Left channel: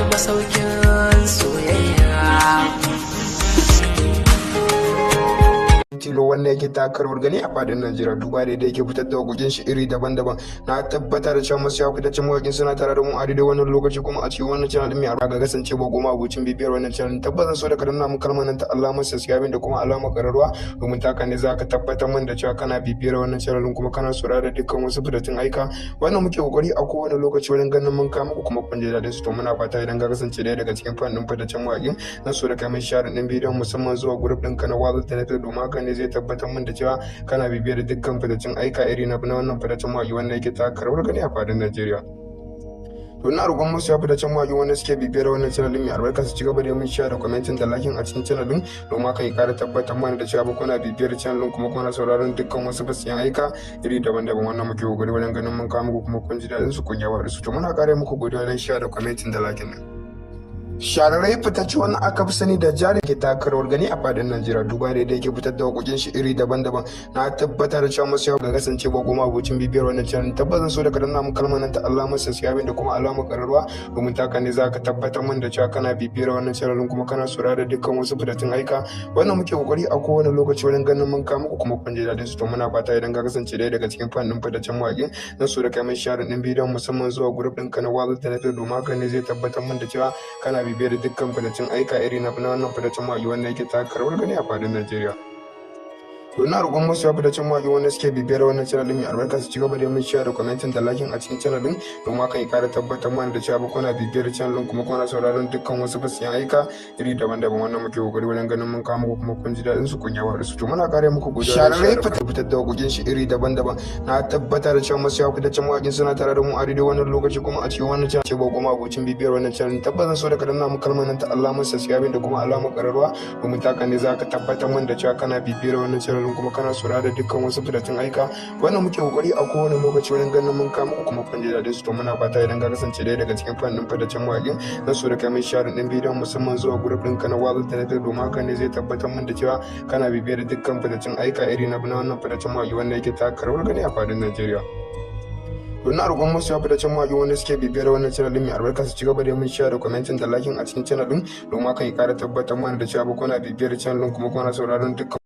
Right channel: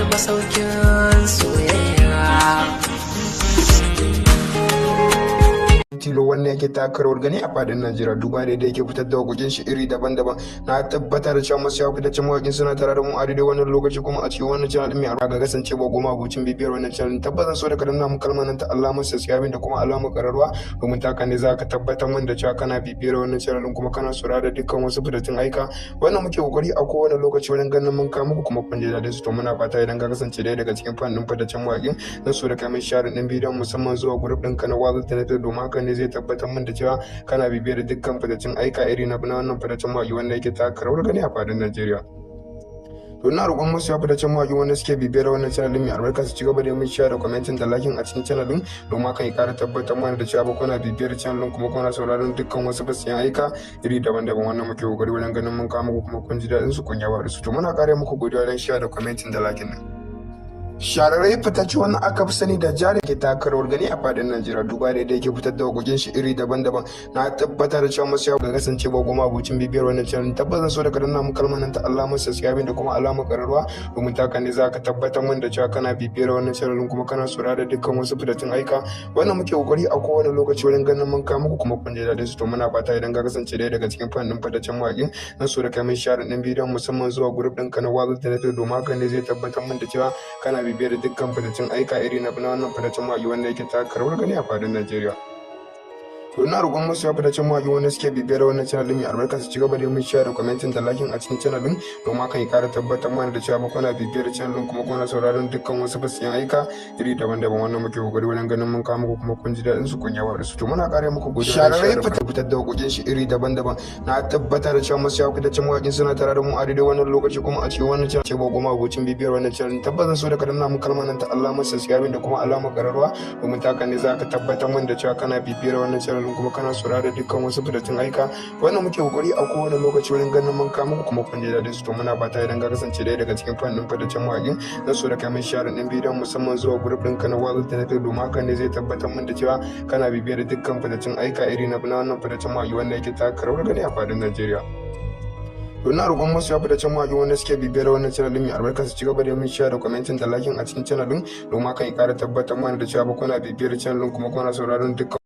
wani masaukin soyayya. Tilo wanda yake taka rawar gani a fadin Najeriya duba da yake fitar da waƙoƙin shi iri daban-daban. Na tabbatar da cewa masu fitaccen mawaƙi suna tare da mu a daidai wannan lokaci kuma a cikin wannan channel din mai albarka ga kasance ba goma abucin bibiyar wannan channel tabbata so da ka danna mu kalmar nan ta alamar subscribe da kuma alamar ƙararrawa domin ta ne za ka tabbatar min da cewa kana bibiyar wannan channel din kuma kana saurara dukkan wasu fitattun aika wannan muke kokari a kowane lokaci wajen ganin mun kawo muku kuma kun ji daɗin su to muna fata idan ka kasance ɗaya daga cikin fannin fitaccen mawaƙin na so da kai mai share din bidiyon musamman zuwa group ɗinka na Wazo Tanato domin haka ne zai tabbatar min da cewa kana bibiyar dukkan fitaccen aika iri na wannan fitaccen mawaƙi wanda yake taka rawar gani a fadin Najeriya. To ina roƙon musu ya fitaccen mawaƙi wanda suke bibiyar wannan channel din mai albarka su ci gaba da mun share da commenting da liking a cikin channel din domin haka ya kara tabbatar mana da cewa kuna bibiyar channel din kuma kuna sauraron dukkan wasu fasiyan aika iri daban-daban wannan muke kokari wajen ganin mun kawo muku kuma kun ji daɗin su kun yaba da su to muna kare muku godiya don share da commenting da liking nan. Shararrai fitacce wani aka fi sani da Jari ke taka rawar gani a fadin Najeriya duba da yake fitar da waƙoƙin shi iri daban-daban. Na tabbatar da cewa masu yawa ga kasance ba goma abucin bibiyar wannan channel tabbata so da ka danna mu kalmar nan ta alamar subscribe da kuma alamar ƙararrawa domin taka ne za ka tabbatar min da cewa kana bibiyar wannan channel kuma kana saurara dukkan wasu fitattun aika wannan muke kokari a kowane lokaci wajen ganin mun kawo muku kuma kun ji daɗin su to muna fata idan ka kasance ɗaya daga cikin fannin fitaccen mawaƙin na so da kai mai share ɗin bidiyon musamman zuwa group ɗinka na Wazo Tanato domin haka ne zai tabbatar min da cewa kana bibiyar dukkan fitaccen aika iri na wannan fitaccen mawaƙi wanda yake taka rawar gani a fadin Najeriya. To ina roƙon masu ya fitaccen mawaƙi wanda suke bibiyar wannan channel din mai albarka su ci gaba da mun share da commenting da liking a cikin channel din domin haka ya ƙara tabbatar mana da cewa kuna bibiyar channel din kuma kuna sauraron dukkan wasu fasiyan aika iri daban-daban wannan muke kokari wajen ganin mun kawo muku kuma kun ji daɗin su kun yawa da su to muna ƙara muku godiya shararrai fitar da waƙoƙin shi iri daban-daban. Na tabbatar da cewa masu ya fitaccen mawaƙi suna tare da mu a daidai wannan lokaci kuma a cikin wannan channel ce ba goma abocin bibiyar wannan channel tabbata so da ka danna mu kalmar nan ta alamar subscribe da kuma alamar ƙararrawa domin ta ne za ka tabbatar min da cewa kana bibiyar wannan channel kuma kana saurara da dukkan wasu fitattun aika wannan muke kokari a kowane lokaci wajen ganin mun kawo muku kuma kun ji daɗin su to muna fata idan ka kasance ɗaya daga cikin fannin fitaccen mawaƙin na so da kai mai share ɗin bidiyon musamman zuwa group ɗinka na Wazo Tanato domin haka ne zai tabbatar min da cewa kana bibiyar dukkan fitaccen aika iri na wannan fitaccen mawaƙi wanda yake taka rawar gani a fadin Najeriya. To ina roƙon musu ya fitaccen mawaƙi wanda suke bibiyar wannan channel din mai albarka su ci gaba da mun share da commenting da liking a cikin channel din domin haka ya ƙara tabbatar mana da cewa kuna bibiyar channel din kuma kuna sauraron dukkan